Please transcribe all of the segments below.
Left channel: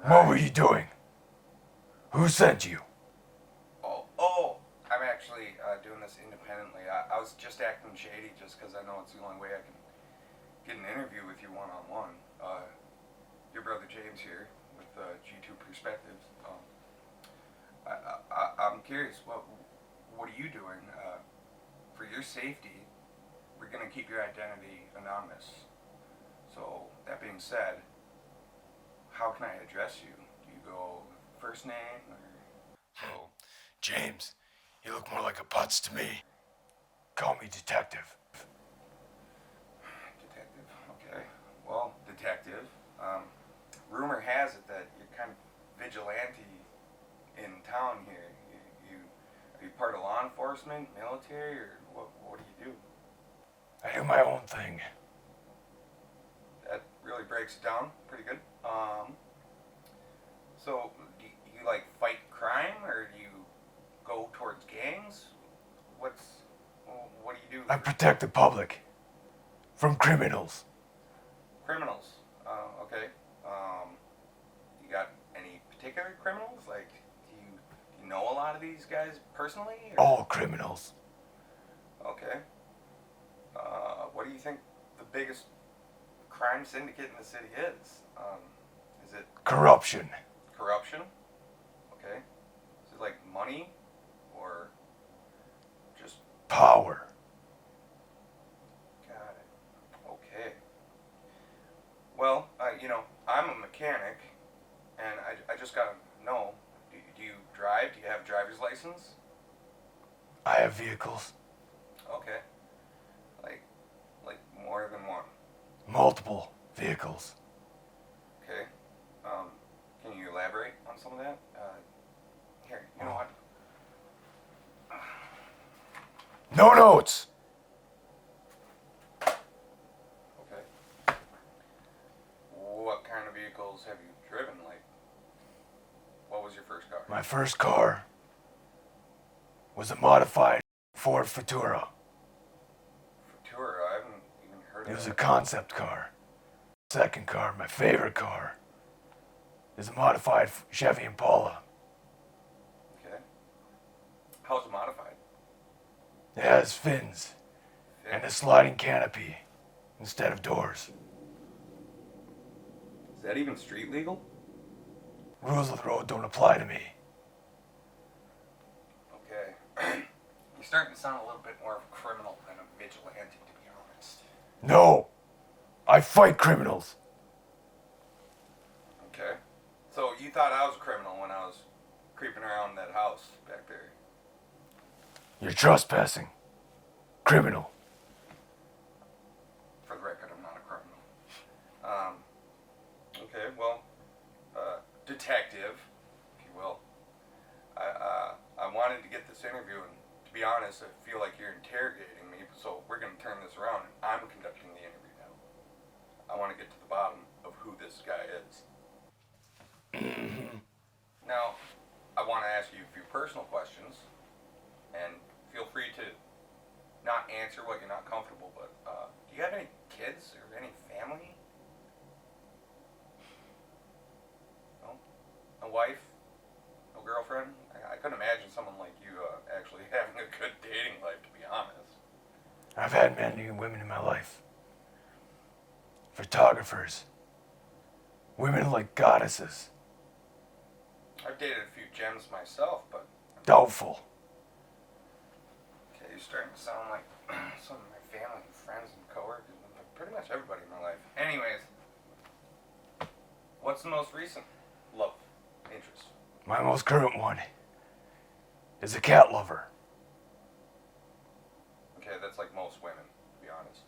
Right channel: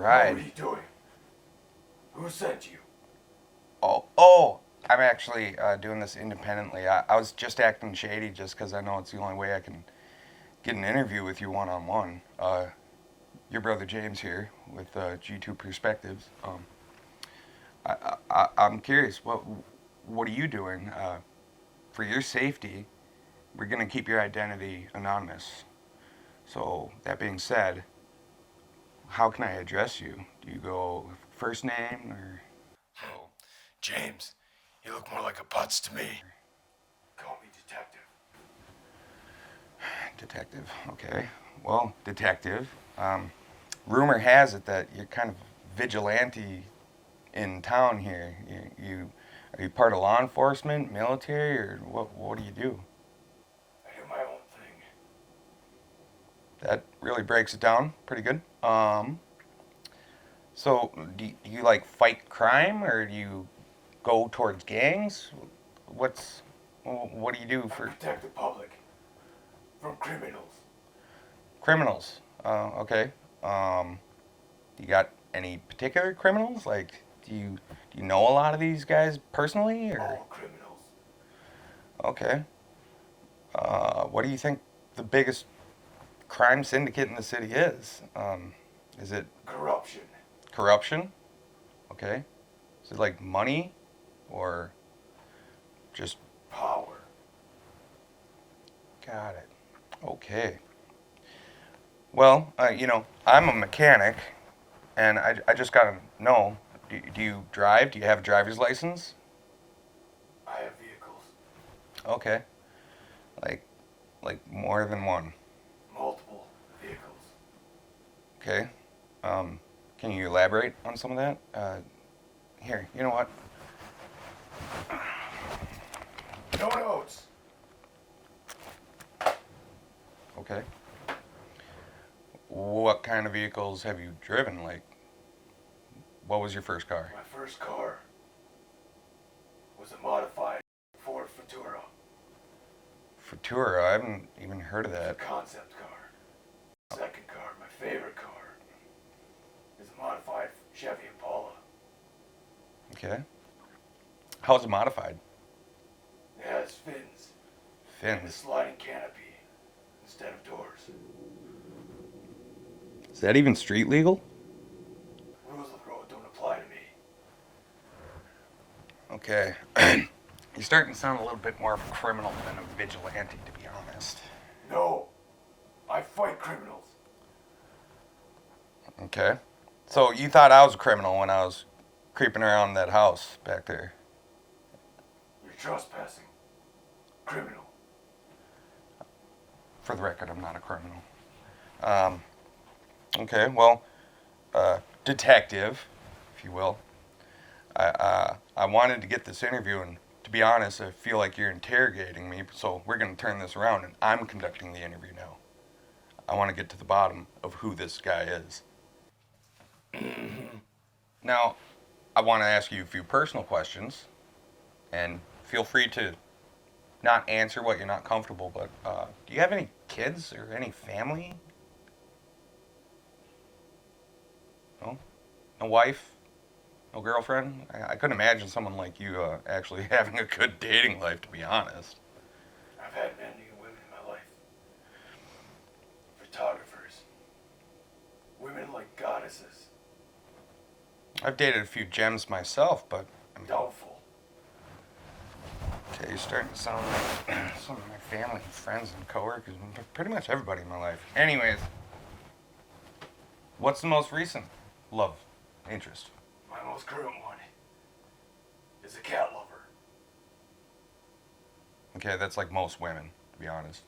right. What were you doing? Who sent you? Oh, I'm actually doing this independently. I was just acting shady just because I know it's the only way I can get an interview with you one-on-one. Your brother James here with G2 Perspectives. I'm curious, what are you doing? For your safety, we're going to keep your identity anonymous. So, that being said, how can I address you? Do you go first name or so? James, you look more like a putz to me. Call me detective. Detective, okay. Well, detective, rumor has it that you're kind of vigilante in town here. Are you part of law enforcement, military, or what do you do? I do my own thing. That really breaks it down pretty good. So do you like fight crime, or do you go towards gangs? What do you do I for protect the public from criminals. criminals? Okay. You got any particular criminals? Like, do you know a lot of these guys personally? Or? All criminals. Okay. What do you think the biggest crime syndicate in the city is? Is it Corruption. corruption? Okay. Is it like money or just Power. got it? Okay. Well, I'm a mechanic, and I just gotta know. Do you drive? Do you have a driver's license? I have vehicles. Okay. Like, like more than one. Multiple vehicles. Okay. Can you elaborate on some of that? Here, you know what? No notes. Okay. What kind of vehicles have you driven? Like, what was your first car? My first car was a modified Ford Futura. Futura. I haven't even heard of It was a that. concept car. Second car, my favorite car, is a modified Chevy Impala. Okay. How's it modified? It has fins Fin. and a sliding canopy instead of doors. Is that even street legal? Rules of the road don't apply to me. Okay. You're starting to sound a little bit more of a criminal than a vigilante, to be honest. No, I fight criminals. Okay. So you thought I was a criminal when I was creeping around that house back there? You're trespassing. Criminal. For the record, I'm not a criminal. Okay, well, detective, if you will. I wanted to get this interview, and to be honest, I feel like you're interrogating me, so we're going to turn this around, and I'm conducting the interview now. I want to get to the bottom of who this guy is. Now, I want to ask you a few personal questions, and feel free to not answer what you're not comfortable, but do you have any kids or any family? No? No wife? No girlfriend? I couldn't imagine someone like you actually having a good dating life, to be honest. I've had men and women in my life. Photographers. Women like goddesses. I've dated a few gems myself, but Doubtful. okay, you're starting to sound like some of my family and friends and coworkers, and pretty much everybody in my life. Anyways, what's the most recent love interest? My most current one is a cat lover. Okay, that's like most women, to be honest.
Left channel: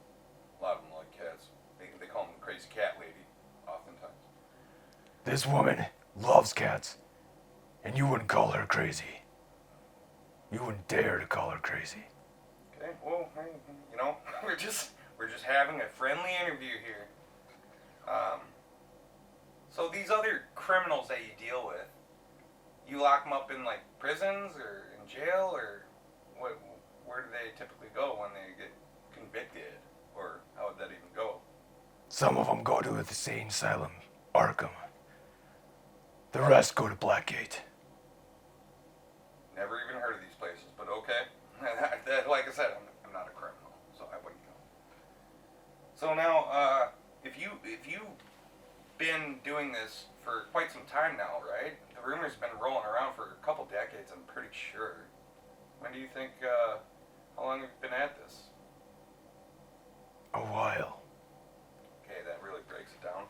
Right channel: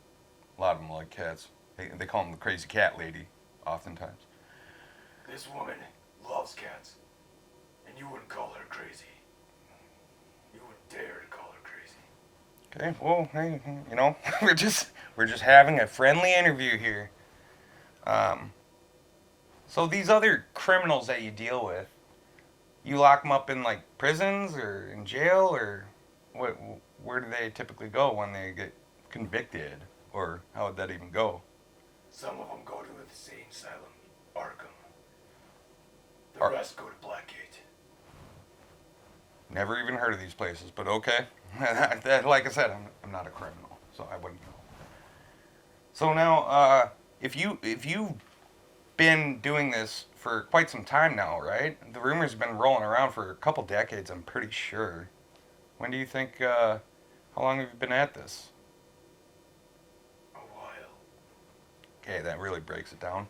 A lot of them like cats. They call them the crazy cat lady, oftentimes. This woman loves cats, and you wouldn't call her crazy. You wouldn't dare to call her crazy. Okay, well, hey, we're just having a friendly interview here. So these other criminals that you deal with, you lock them up in like prisons or in jail, or what? Where do they typically go when they get convicted, or how would that even go? Some of them go to the insane asylum, Arkham. The rest go to Blackgate. Never even heard of these places, but okay. Like I said, I'm not a criminal, so I wouldn't know. So now, if you've been doing this for quite some time now, right? The rumors have been rolling around for a couple decades, I'm pretty sure. When do you think? How long have you been at this? A while. Okay, that really breaks it down.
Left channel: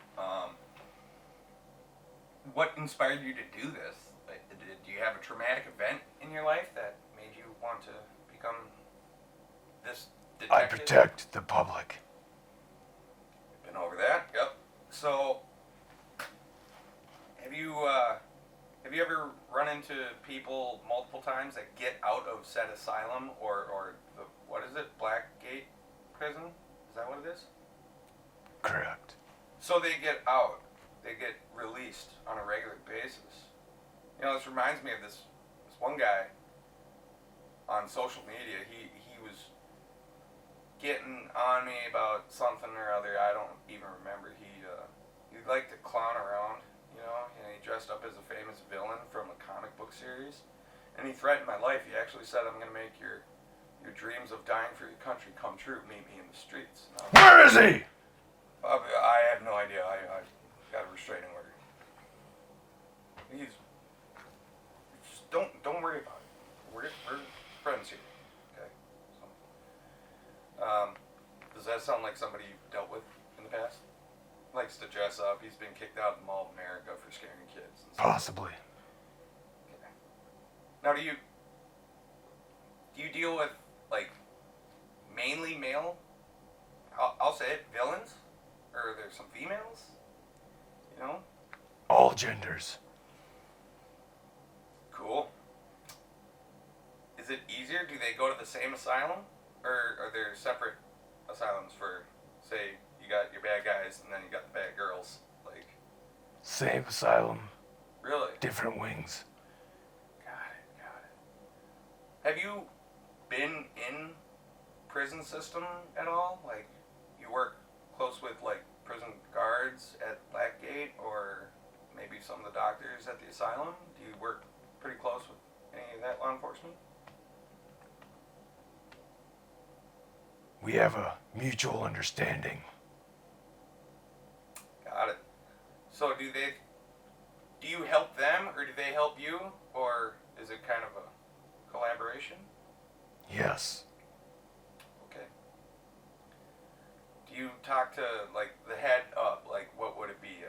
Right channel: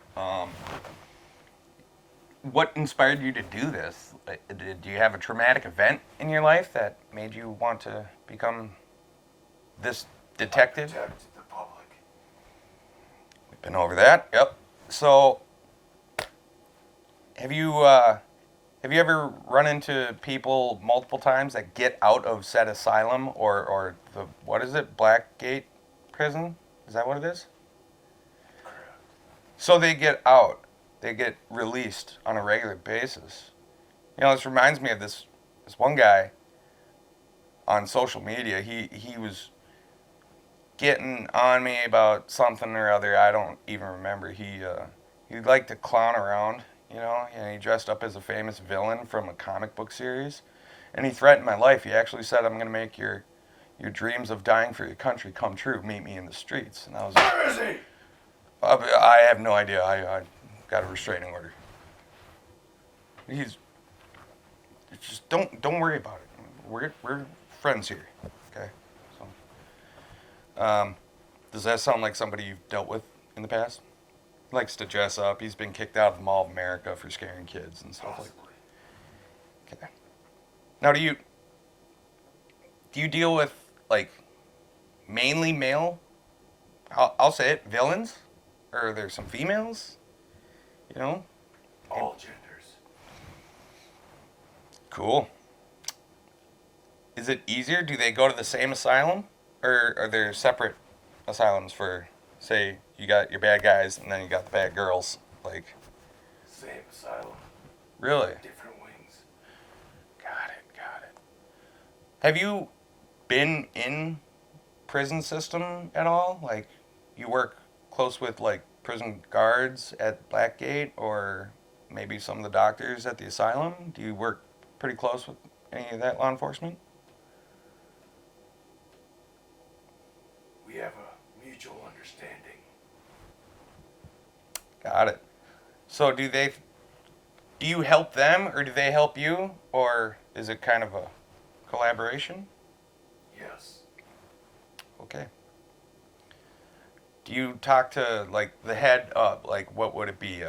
What inspired you to do this? Did you have a traumatic event in your life that made you want to become this detective? I protect the public. We've been over that. Yep. So, have you ever run into people multiple times that get out of said asylum or the what is it, Blackgate prison? Is that what it is? Correct. So they get out. They get released on a regular basis. You know, this reminds me of this one guy on social media. He was getting on me about something or other. I don't even remember. He liked to clown around, you know, and he dressed up as a famous villain from a comic book series, and he threatened my life. He actually said, "I'm going to make your dreams of dying for your country come true. Meet me in the streets." And I was Where is he? I have no idea. I got a restraining order. He's just don't worry about it. We're friends here, okay? So, does that sound like somebody you've dealt with in the past? He likes to dress up. He's been kicked out of the Mall of America for scaring kids and stuff. Possibly. Okay. Now, do you deal with like mainly male? I'll say it, villains, or are there some females? You know. All genders. Cool. Is it easier? Do they go to the same asylum? Or are there separate asylums for, say, you got your bad guys and then you got the bad girls? Like, Same asylum. really? Different wings. Got it. Have you been in prison system at all? Like, you work close with, like, prison guards at Blackgate or maybe some of the doctors at the asylum? Do you work pretty close with any of that law enforcement? We have a mutual understanding. Got it. So do you help them or do they help you, or is it kind of a collaboration? Yes. Okay. Do you talk to like the head of like what would it be?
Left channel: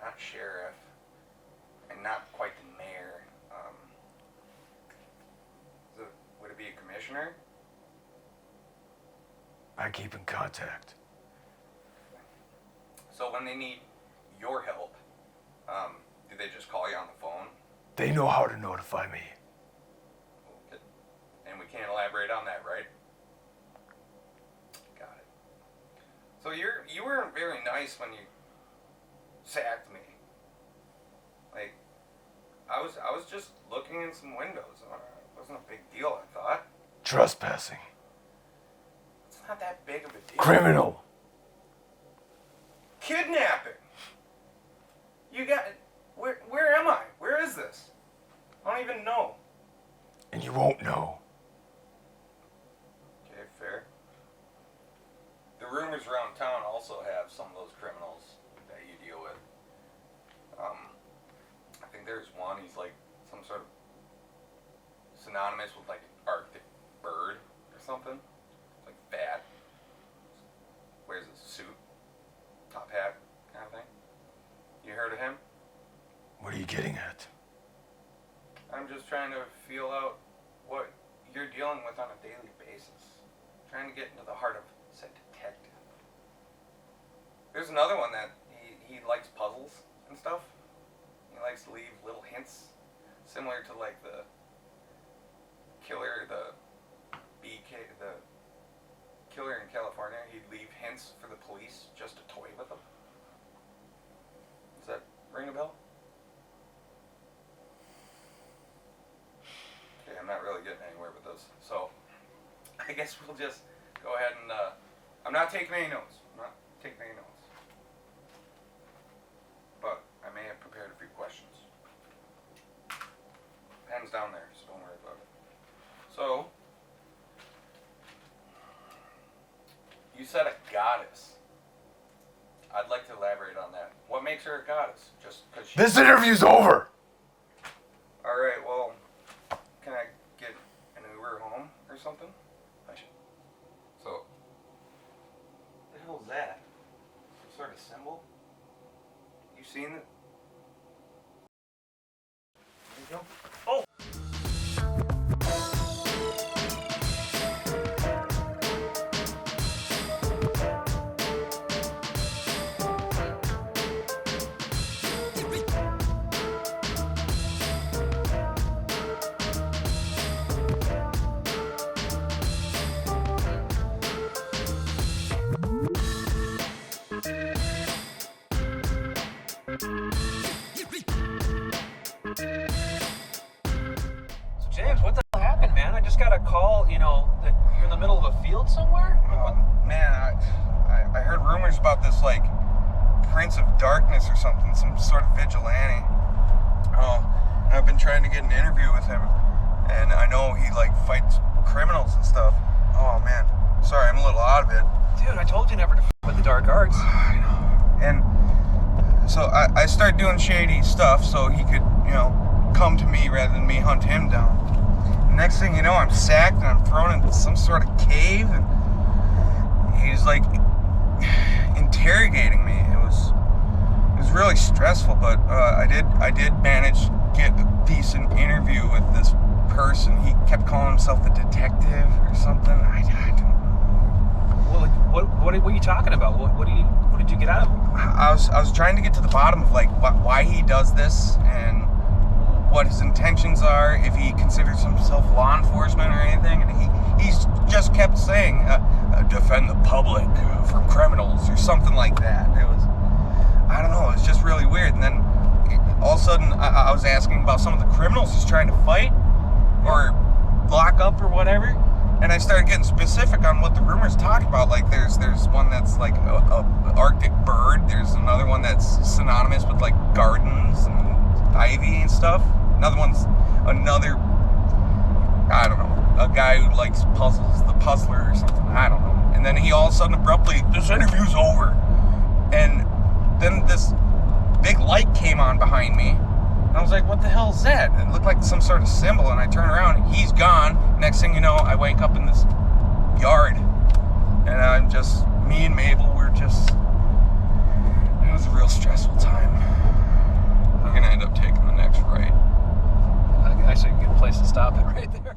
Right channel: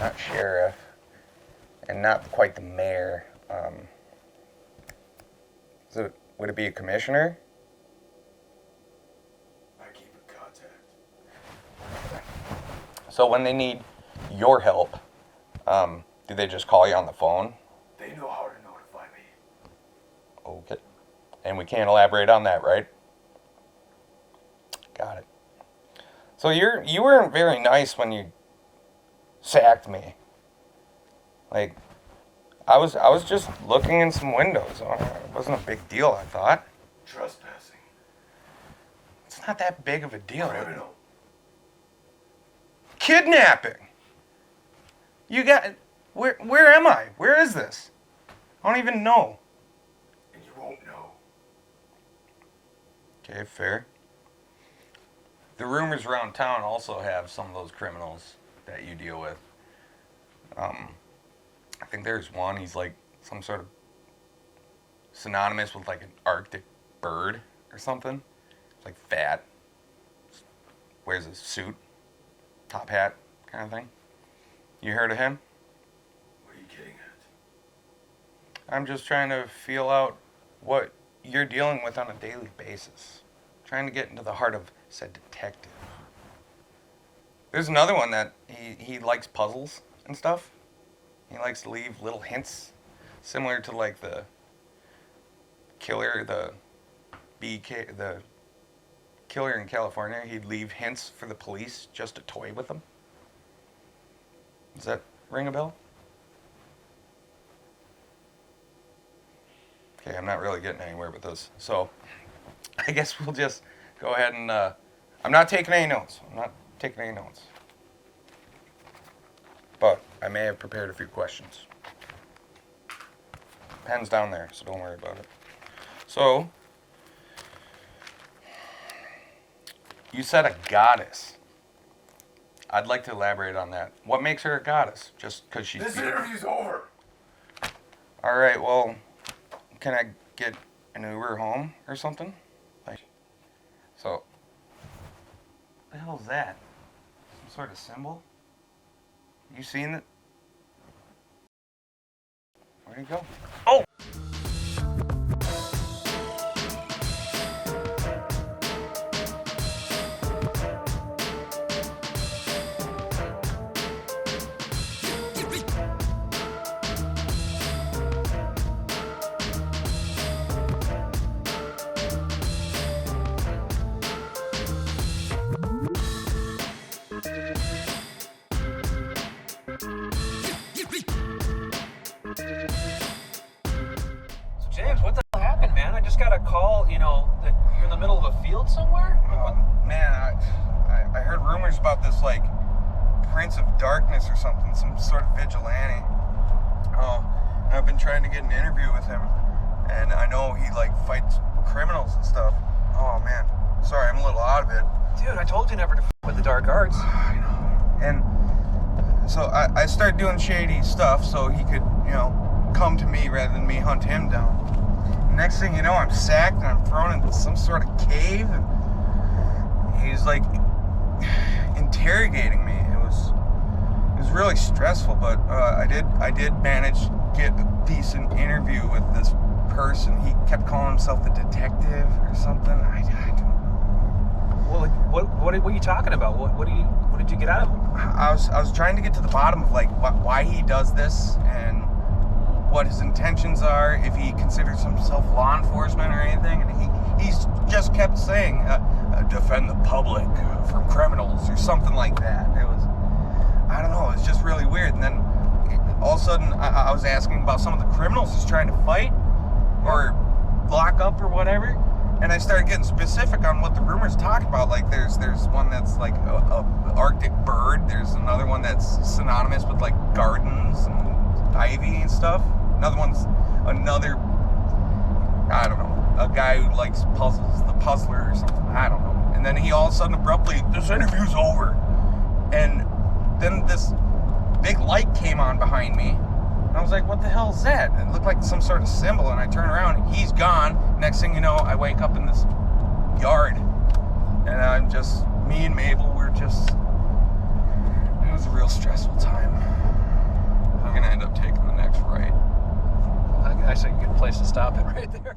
Not sheriff, and not quite the mayor. Would it be a commissioner? I keep in contact. So when they need your help, do they just call you on the phone? They know how to notify me. Okay. And we can't elaborate on that, right? Got it. So you weren't very nice when you sacked me. Like, I was just looking in some windows. It wasn't a big deal, I thought. Trespassing. It's not that big of a deal. Criminal. Kidnapping. You got where am I? Where is this? I don't even know. And you won't know. Okay, fair. The rumors around town also have some of those criminals that you deal with. I think there's one, he's like some sort of synonymous with like an Arctic bird or something. Like fat. Wears a suit, top hat kind of thing. You heard of him? What are you getting at? I'm just trying to feel out what you're dealing with on a daily basis. Trying to get into the heart of said detective. There's another one that he likes puzzles and stuff. He likes to leave little hints, similar to like the killer, the killer in California. He'd leave hints for the police just to toy with them. Does that ring a bell? Okay, I'm not really getting anywhere with this. So, I guess we'll just go ahead and, I'm not taking any notes. But I may have prepared a few questions. Pen's down there, so don't worry about it. So, you said a goddess. I'd like to elaborate on that. What makes her a goddess? Just because she... This interview's over! Alright, well, can I get an Uber home or something? Like, so, what the hell is that? Some sort of symbol? You seen it? There you go. Oh! James, what the hell happened, man? I just got a call, that you're in the middle of a field somewhere? Man, I heard rumors about this, like, Prince of Darkness or something, some sort of vigilante. Oh, and I've been trying to get an interview with him, and I know he, like, fights criminals and stuff. Oh, man. Sorry, I'm a little out of it. Dude, I told you never to with the dark arts. I know. And so I started doing shady stuff so he could, come to me rather than me hunt him down. Next thing you know, I'm sacked and I'm thrown into some sort of cave, and he's like interrogating me. It was really stressful, but I did manage to get a decent interview with this person. He kept calling himself the detective or something. I don't know. Well, what are you talking about? What did you get out of him? I was trying to get to the bottom of like why he does this and what his intentions are, if he considers himself law enforcement or anything, and he's just kept saying defend the public from criminals or something like that. It was, I don't know, it's just really weird. And then all of a sudden I was asking about some of the criminals he's trying to fight or lock up or whatever, and I started getting specific on what the rumors talk about. Like there's one that's like a Arctic bird, there's another one that's synonymous with like gardens and ivy and stuff. Another, I don't know, a guy who likes puzzles, the puzzler or something, I don't know. And then he all of a sudden abruptly, this interview's over. And then this big light came on behind me. And I was like, what the hell is that? It looked like some sort of symbol, and I turn around, he's gone. Next thing you know, I wake up in this yard. And I'm just, me and Mabel, it was a real stressful time. We're gonna end up taking the next right. Actually, a good place to stop it right there.